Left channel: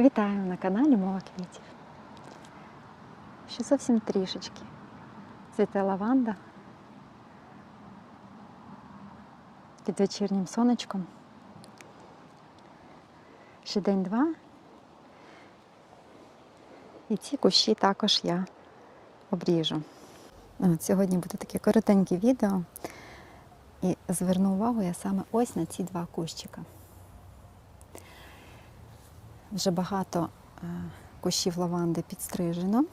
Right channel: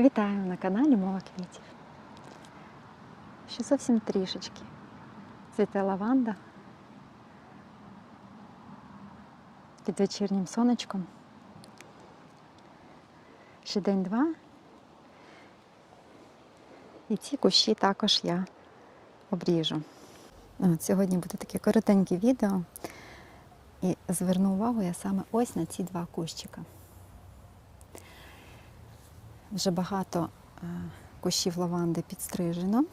Вітаю на каналі Мова квітів. Ще зовсім трішечки. Цвіте лаванда під вечірнім сонечком. Ще день-два. І ці кущі також я обріжу. От, сьогодні буде таке коротеньке відео. І зверну увагу я саме ось на ці два кущика. Вже багато е, кущів лаванди підстрижено.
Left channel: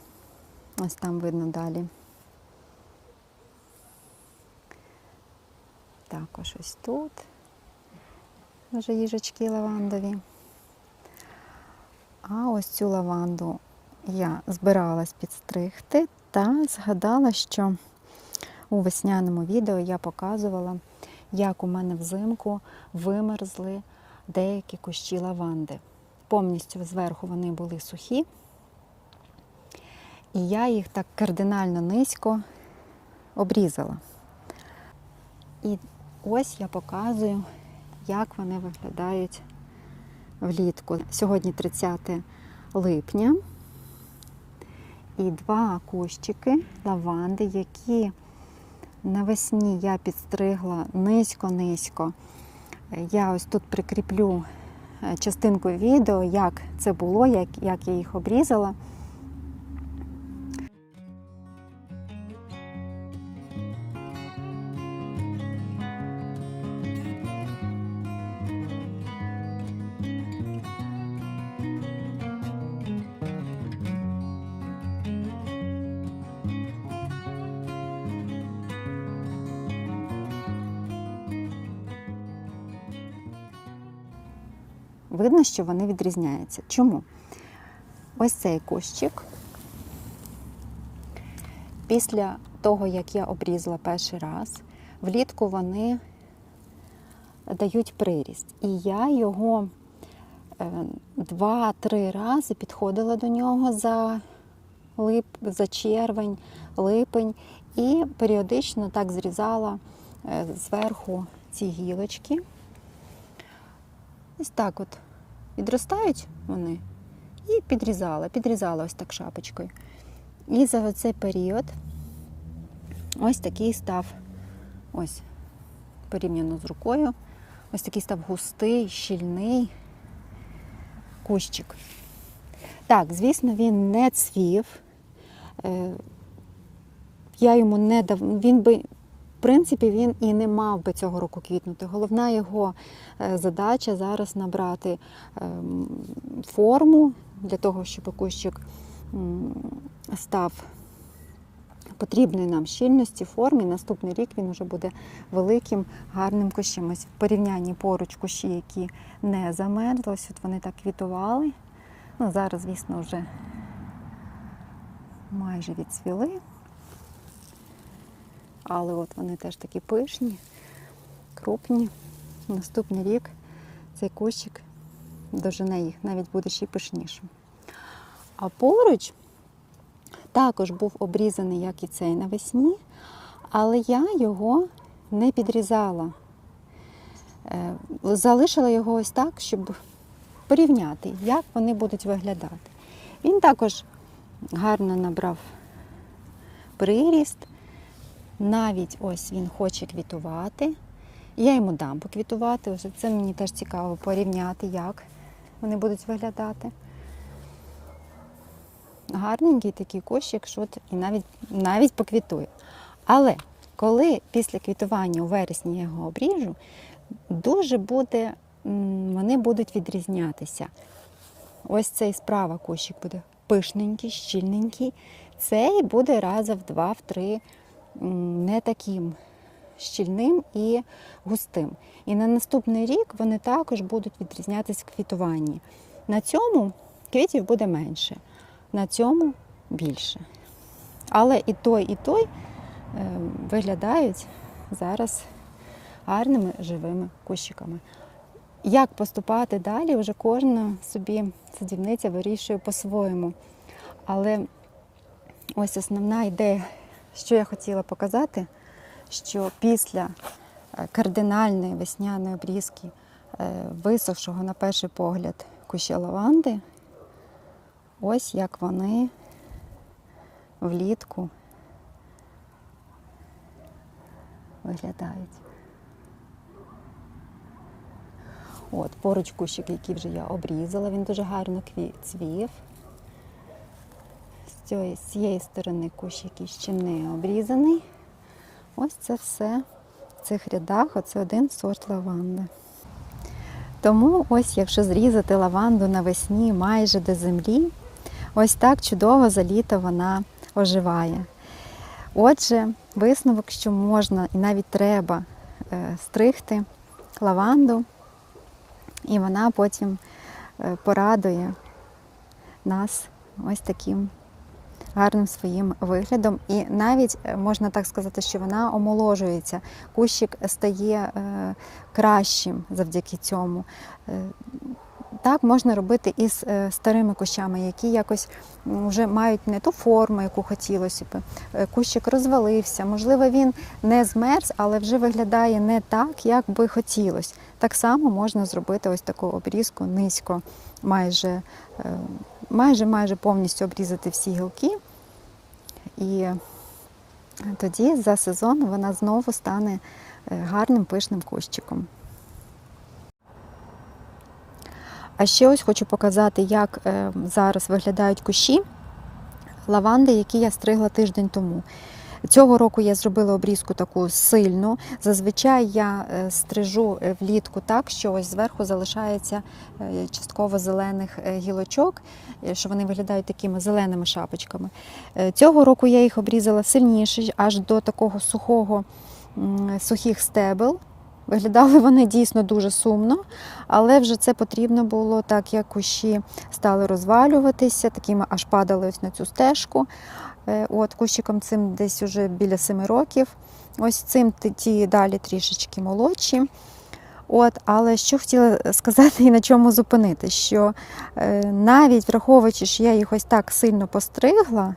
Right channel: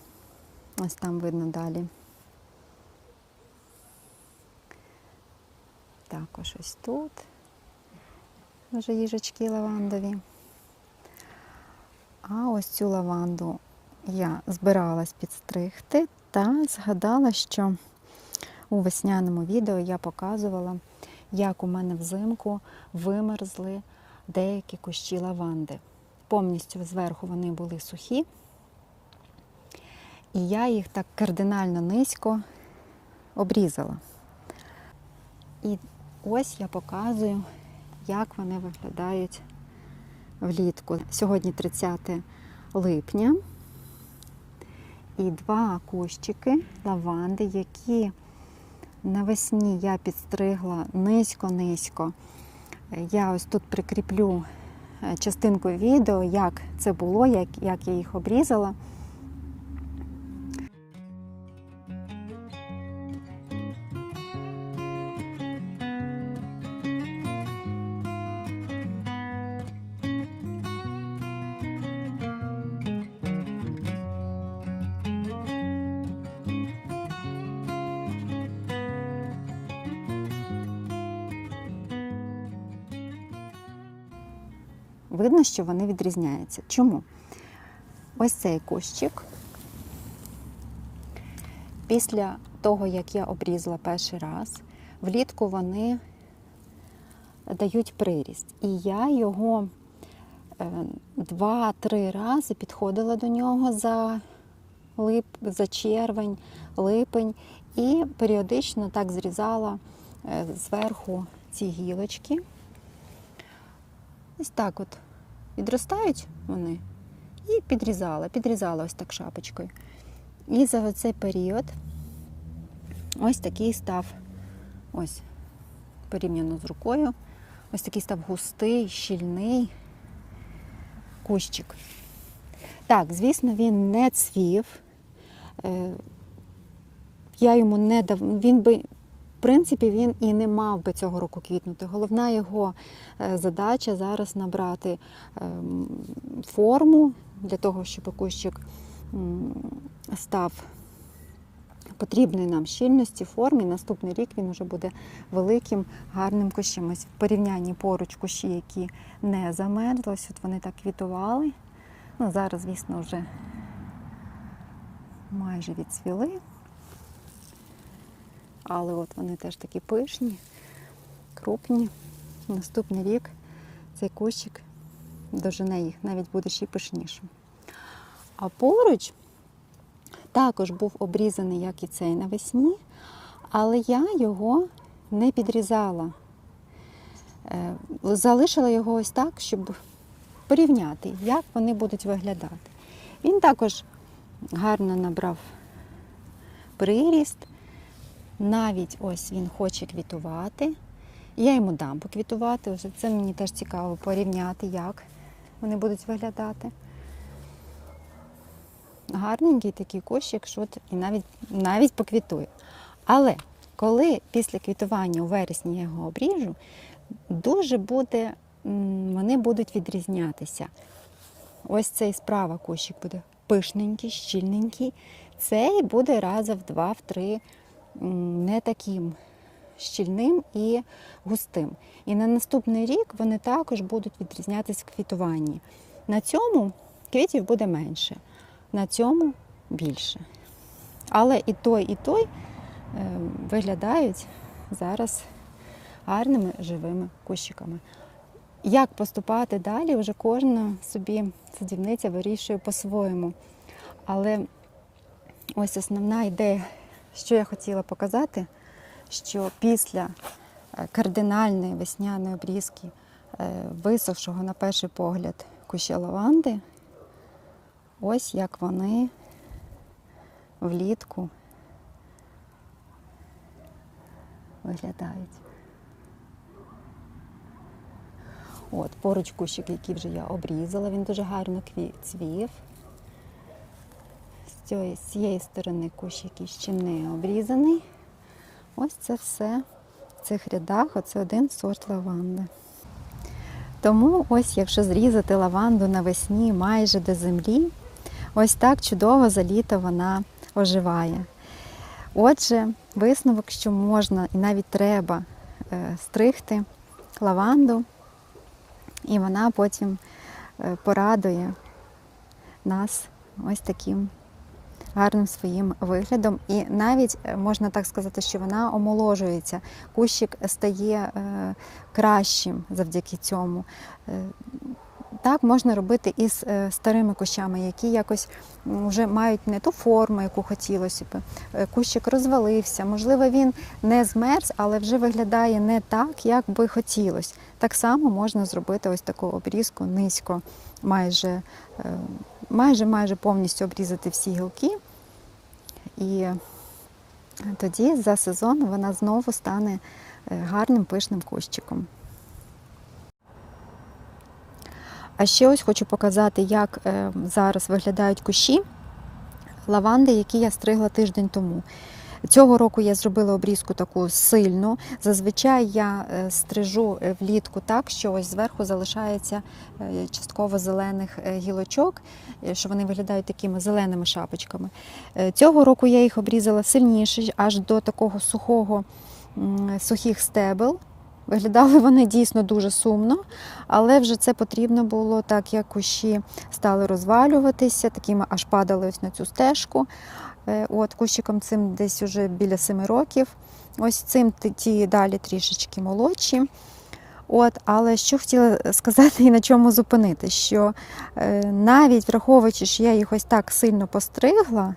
Ось там видно далі. Також ось тут вже їжачки лавандові. А ось цю лаванду я збиралась підстригти та згадала, що у весняному відео я показувала, як у мене взимку вимерзли деякі кущі лаванди повністю зверху вони були сухі, і я їх так кардинально низько обрізала. І ось я показую, як вони виглядають влітку. Сьогодні 30 липня. І два кущики лаванди, які навесні я підстригла низько-низько. Я ось тут прикріплю частинку відео, як це було, як, як я їх обрізала. Видно, що вони відрізняються. Чому? Ось цей кущик. Після того, як я обрізала перший раз, влітку вони дають приріст. І я його е, два-три рази підходила до нього за, лип, за червень, липень і періодично так зрізала е, зверху ці гілочки. Ось так от відростають вони і підрізала, підрізала ось так шапочкою. І за цей період ось такий став, ось порівняно з рукою, ось такий став густий, щільний кущик. Так, звісно, він не цвів. Е, Я йому не дав, він би принципі, він і не мав би цього року квітнути. Головна його е, задача зараз набрати ем, форму для того, щоб кущик став потрібної нам щільності, формі. Наступний рік він вже буде великим, гарним кущем. Ось в порівнянні поруч кущі, які не замерзли, ось от вони так квітували. Ну, Зараз, звісно, вже майже відцвіли. Але от вони теж такі пишні, крупні. Наступний рік цей кущик дожене їх, навіть буде ще пишнішим. А поруч також був обрізаний, як і цей навесні, але я його не підрізала. Е, залишила його ось так, щоб порівняти, як вони будуть виглядати. Він також гарно набрав приріст. Навіть ось він хоче квітувати. Я йому дам поквітувати. Вже це мені теж цікаво порівняти, як вони будуть виглядати. Гарненький такий кущик, що і навіть навіть поквітує. Але коли після квітування у вересні я його обріжу, дуже буде, вони будуть відрізнятися. Ось цей справа кущик буде пишненький, щільненький. Цей буде раза в два-в три не таким щільним і густим. І на наступний рік вони також будуть відрізнятися в квітуванні. На цьому квітів буде менше, на цьому більше. Але і той, і той виглядають зараз гарними живими кущиками. Як поступати далі, вже кожна собі садівниця вирішує по-своєму. Але ось основна ідея що я хотіла показати, що після е, кардинальної весняної обрізки е, висохшого на перший погляд куща лаванди, ось як вони влітку виглядають. От, поруч кущик, який вже я обрізала, він дуже гарно цвів. З цієї, сторони кущ, який ще не обрізаний. Ось це все в цих рядах, оце один сорт лаванди. Тому ось, якщо зрізати лаванду навесні майже до землі, ось так чудово за літо вона оживає. Отже, висновок, що можна і навіть треба е, стригти лаванду, і вона потім е, порадує нас ось таким гарним своїм виглядом. І навіть е, можна так сказати, що вона омоложується. Кущик стає е, кращим завдяки цьому. Е, Так можна робити і з е, старими кущами, які якось вже мають не ту форму, яку хотілося б. Кущик розвалився, можливо, він не змерз, але вже виглядає не так, як би хотілося. Так само можна зробити ось таку обрізку низько, майже, майже, майже повністю обрізати всі гілки. І тоді за сезон вона знову стане е, гарним пишним кущиком. А ще ось хочу показати, як е, зараз виглядають кущі лаванди, які я стригла тиждень тому. Цього року я зробила обрізку таку сильну. Зазвичай я е, стрижу е, влітку так, що ось зверху залишається е, частково зелених гілочок, що вони виглядають такими зеленими шапочками. Цього року я їх обрізала сильніше, аж до такого сухого сухих стебел. Виглядали вони дійсно дуже сумно, але вже це потрібно було, так як кущі стали розвалюватися, такими аж падали ось на цю стежку. Е, От кущиком цим десь уже біля 7 років. Ось цим ті далі трішечки молодші. От, але що хотіла сказати і на чому зупинити, що е, навіть враховуючи, що я їх ось так сильно постригла,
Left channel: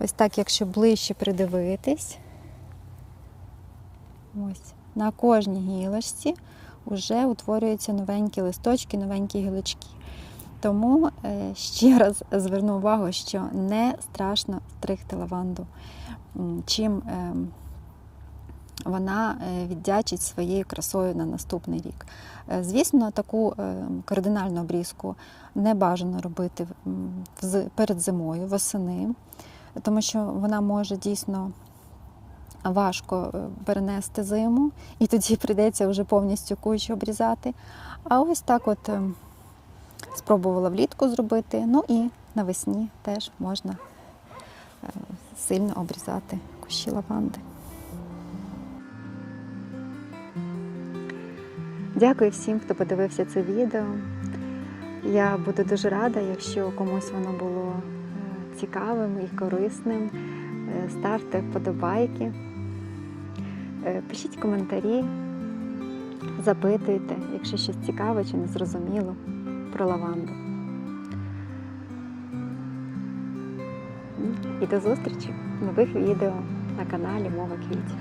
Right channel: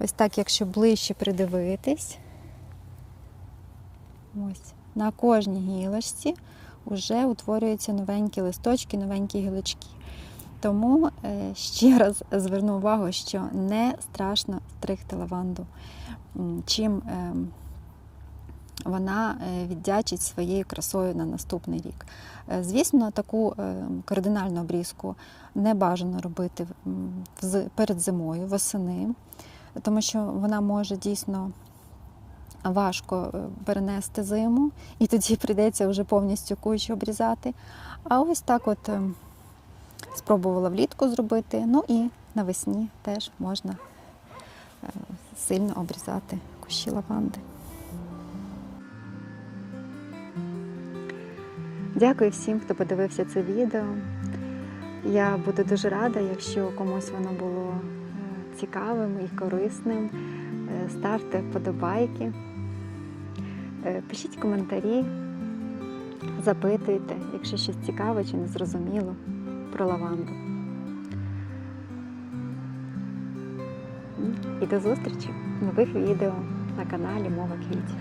ось так, якщо ближче придивитись, ось на кожній гілочці вже утворюються новенькі листочки, новенькі гілочки. Тому е, ще раз зверну увагу, що не страшно стригти лаванду. Чим е, вона е, віддячить своєю красою на наступний рік. Е, Звісно, таку е, кардинальну обрізку не бажано робити перед зимою, восени, тому що вона може дійсно важко е, перенести зиму, і тоді прийдеться вже повністю кущ обрізати. А ось так от е, спробувала влітку зробити. Ну і навесні теж можна е, сильно обрізати кущі лаванди. Дякую всім, хто подивився це відео. Я буду дуже рада, якщо комусь воно було цікавим і корисним. Ставте вподобайки, пишіть коментарі, запитуйте, якщо щось цікаве чи незрозуміло про лаванду. І до зустрічі в нових відео на каналі Мова Квітів.